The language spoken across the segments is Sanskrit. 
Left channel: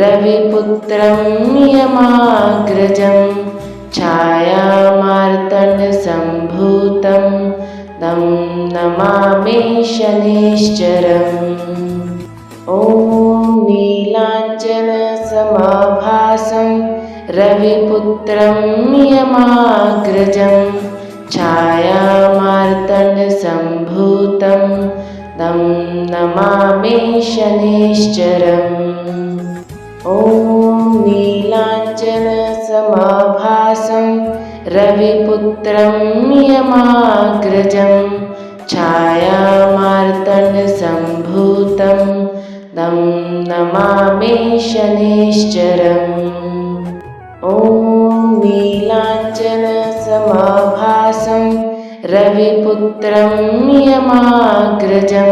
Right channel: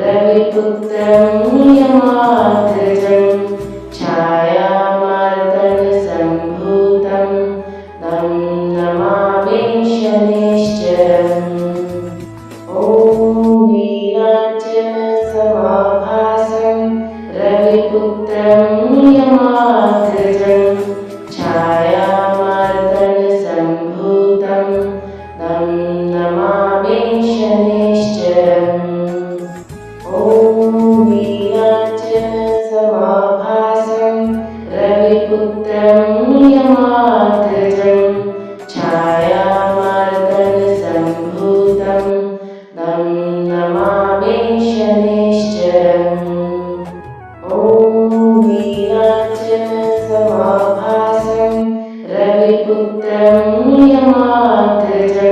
रविपुत्रं नियमाग्रजं छायामार्तण्डसम्भूतं तं नमामि शनैश्चरम्। ॐ नीलाञ्जनसमाभासं रविपुत्रं नियमाग्रजं छायामार्तण्डसम्भूतं तं नमामि शनैश्चरम्। ॐ नीलाञ्जनसमाभासं रविपुत्रं नियमाग्रजं छायामार्तण्डसम्भूतं तं नमामि शनैश्चरम्। ॐ नीलाञ्जनसमाभासं रविपुत्रं नियमाग्रजं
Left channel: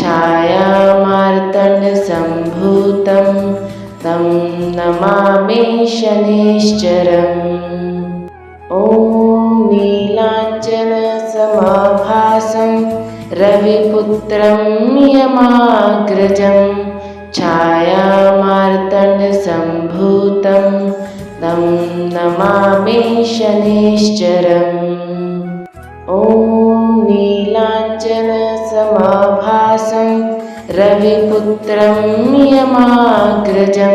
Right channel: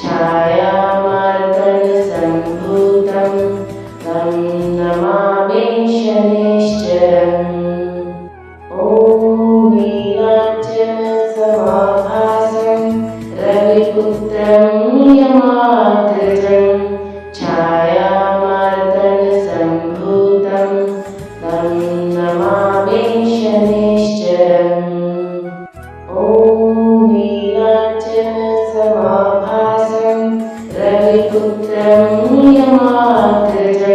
छायामार्तण्डसम्भूतं तं नमामि शनैश्चरम्। ॐ नीलाञ्जनसमाभासं रविपुत्रं नियमाग्रजं छायामार्तण्डसम्भूतं तं नमामि शनैश्चरम्। ॐ नीलाञ्जनसमाभासं रविपुत्रं नियमाग्रजं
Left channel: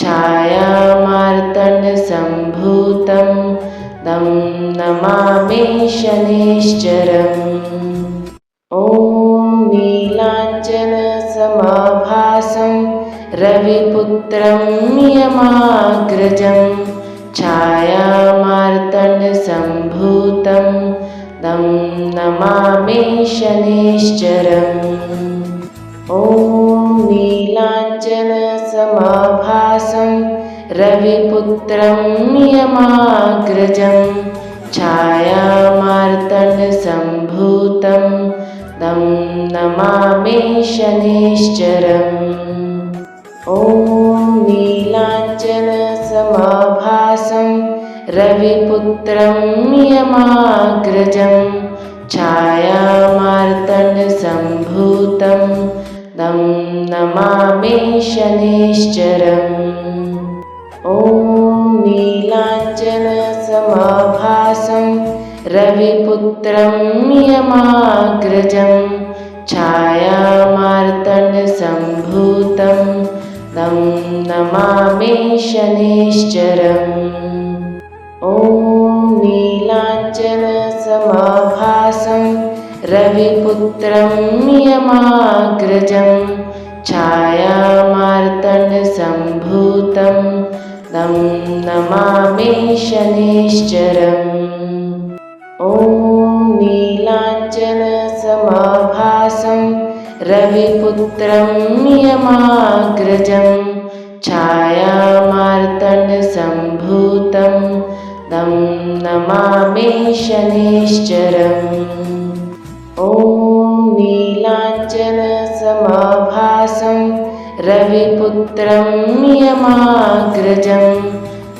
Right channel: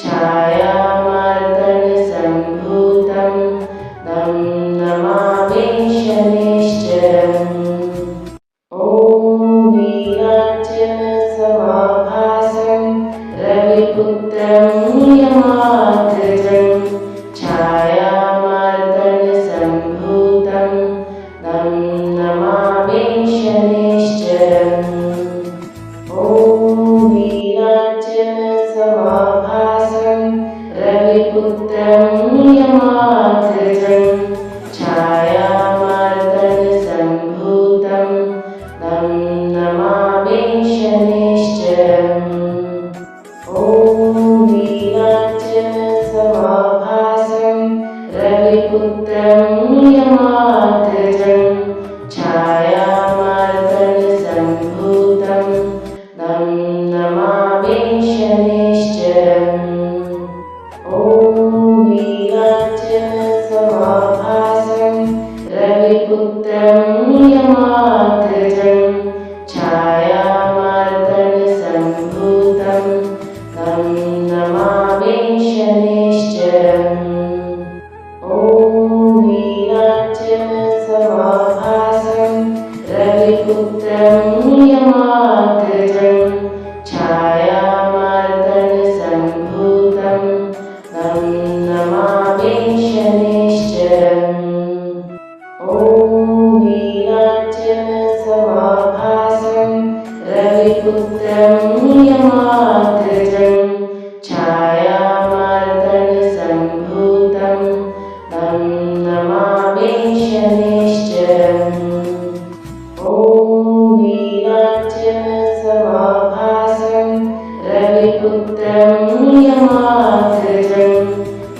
छायामार्तण्डसम्भूतं तं नमामि शनैश्चरम्। ॐ नीलाञ्जनसमाभासं रविपुत्रं नियमाग्रजं छायामार्तण्डसम्भूतं तं नमामि शनैश्चरम्। ॐ नीलाञ्जनसमाभासं रविपुत्रं नियमाग्रजं छायामार्तण्डसम्भूतं तं नमामि शनैश्चरम्। ॐ नीलाञ्जनसमाभासं रविपुत्रं नियमाग्रजं छायामार्तण्डसम्भूतं तं नमामि शनैश्चरम्। ॐ नीलाञ्जनसमाभासं रविपुत्रं नियमाग्रजं छायामार्तण्डसम्भूतं तं नमामि शनैश्चरम्। ॐ नीलाञ्जनसमाभासं रविपुत्रं नियमाग्रजं छायामार्तण्डसम्भूतं तं नमामि शनैश्चरम्। ॐ नीलाञ्जनसमाभासं रविपुत्रं नियमाग्रजं छायामार्तण्डसम्भूतं तं नमामि शनैश्चरम्। ॐ नीलाञ्जनसमाभासं रविपुत्रं नियमाग्रजं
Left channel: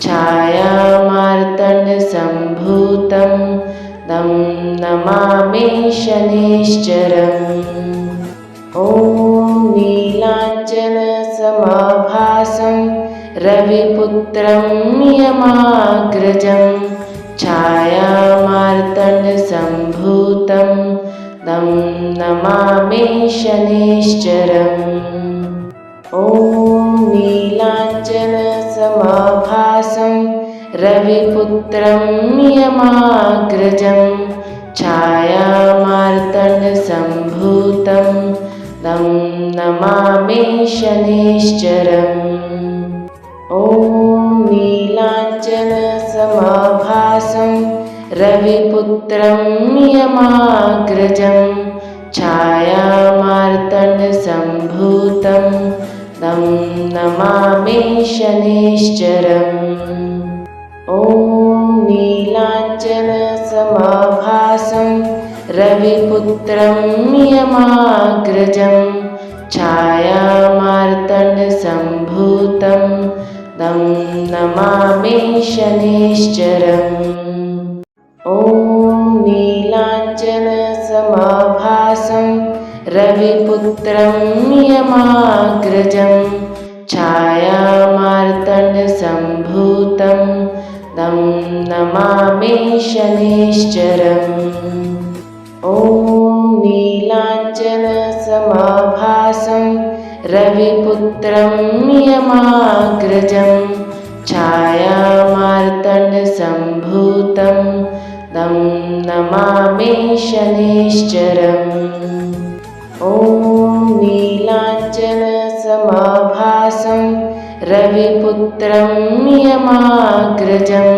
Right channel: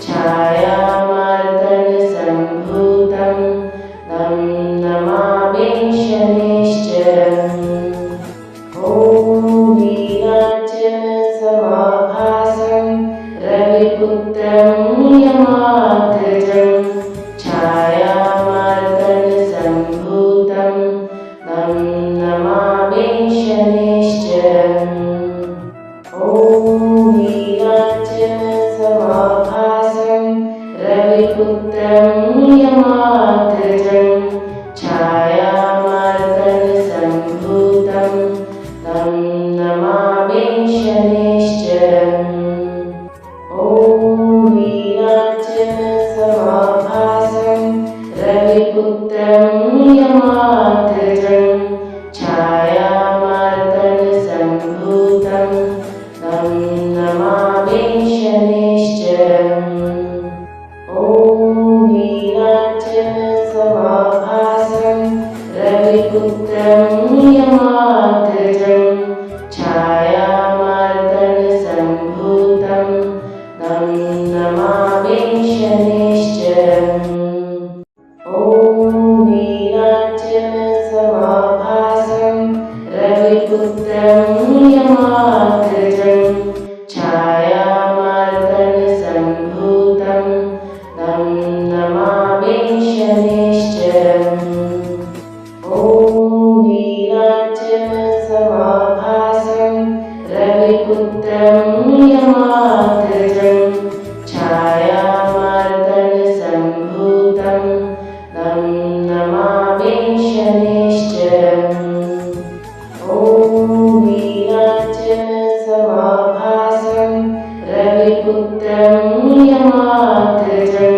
छायामार्तण्डसम्भूतं तं नमामि शनैश्चरम्। ॐ नीलाञ्जनसमाभासं रविपुत्रं नियमाग्रजं छायामार्तण्डसम्भूतं तं नमामि शनैश्चरम्। ॐ नीलाञ्जनसमाभासं रविपुत्रं नियमाग्रजं छायामार्तण्डसम्भूतं तं नमामि शनैश्चरम्। ॐ नीलाञ्जनसमाभासं रविपुत्रं नियमाग्रजं छायामार्तण्डसम्भूतं तं नमामि शनैश्चरम्। ॐ नीलाञ्जनसमाभासं रविपुत्रं नियमाग्रजं छायामार्तण्डसम्भूतं तं नमामि शनैश्चरम्। ॐ नीलाञ्जनसमाभासं रविपुत्रं नियमाग्रजं छायामार्तण्डसम्भूतं तं नमामि शनैश्चरम् ॐ नीलाञ्जनसमाभासं रविपुत्रं नियमाग्रजं छायामार्तण्डसम्भूतं तं नमामि शनैश्चरम् ॐ नीलाञ्जनसमाभासं रविपुत्रं नियमाग्रजं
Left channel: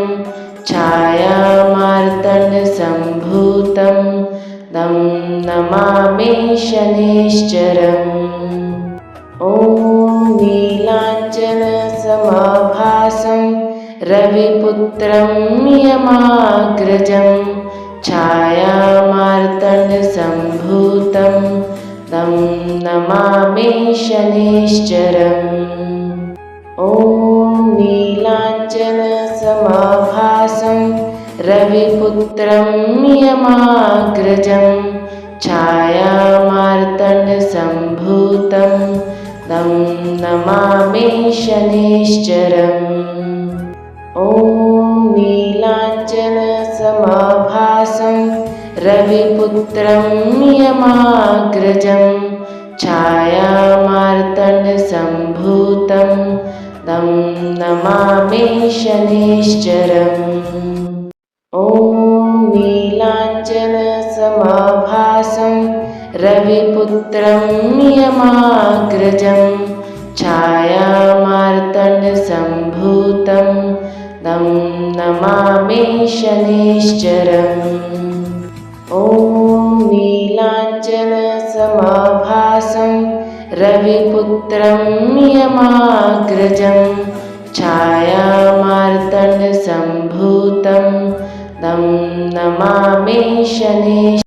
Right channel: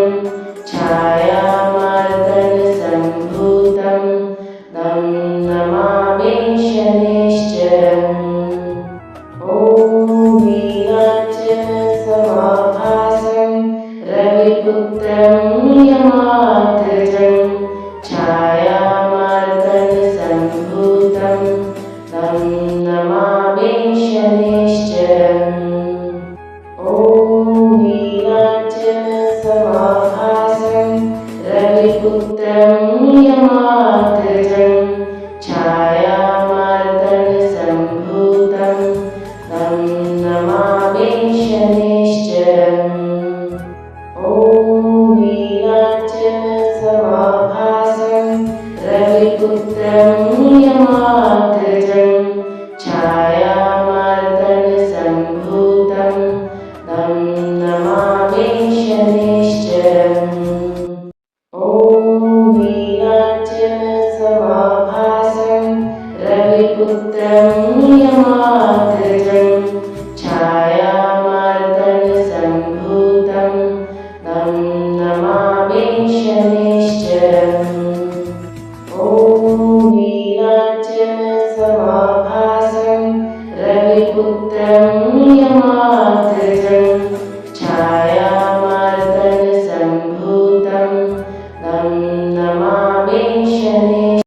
छायामार्तण्डसम्भूतं तं नमामि शनैश्चरम् ॐ नीलाञ्जनसमाभासं रविपुत्रं नियमाग्रजं छायामार्तण्डसम्भूतं तं नमामि शनैश्चरम् ॐ नीलाञ्जनसमाभासं रविपुत्रं नियमाग्रजं छायामार्तण्डसम्भूतं तं नमामि शनैश्चरम् ॐ नीलाञ्जनसमाभासं रविपुत्रं नियमाग्रजं छायामार्तण्डसम्भूतं तं नमामि शनैश्चरम् ॐ नीलाञ्जनसमाभासं रविपुत्रं नियमाग्रजं छायामार्तण्डसम्भूतं तं नमामि शनैश्चरम् ॐ नीलाञ्जनसमाभासं रविपुत्रं नियमाग्रजं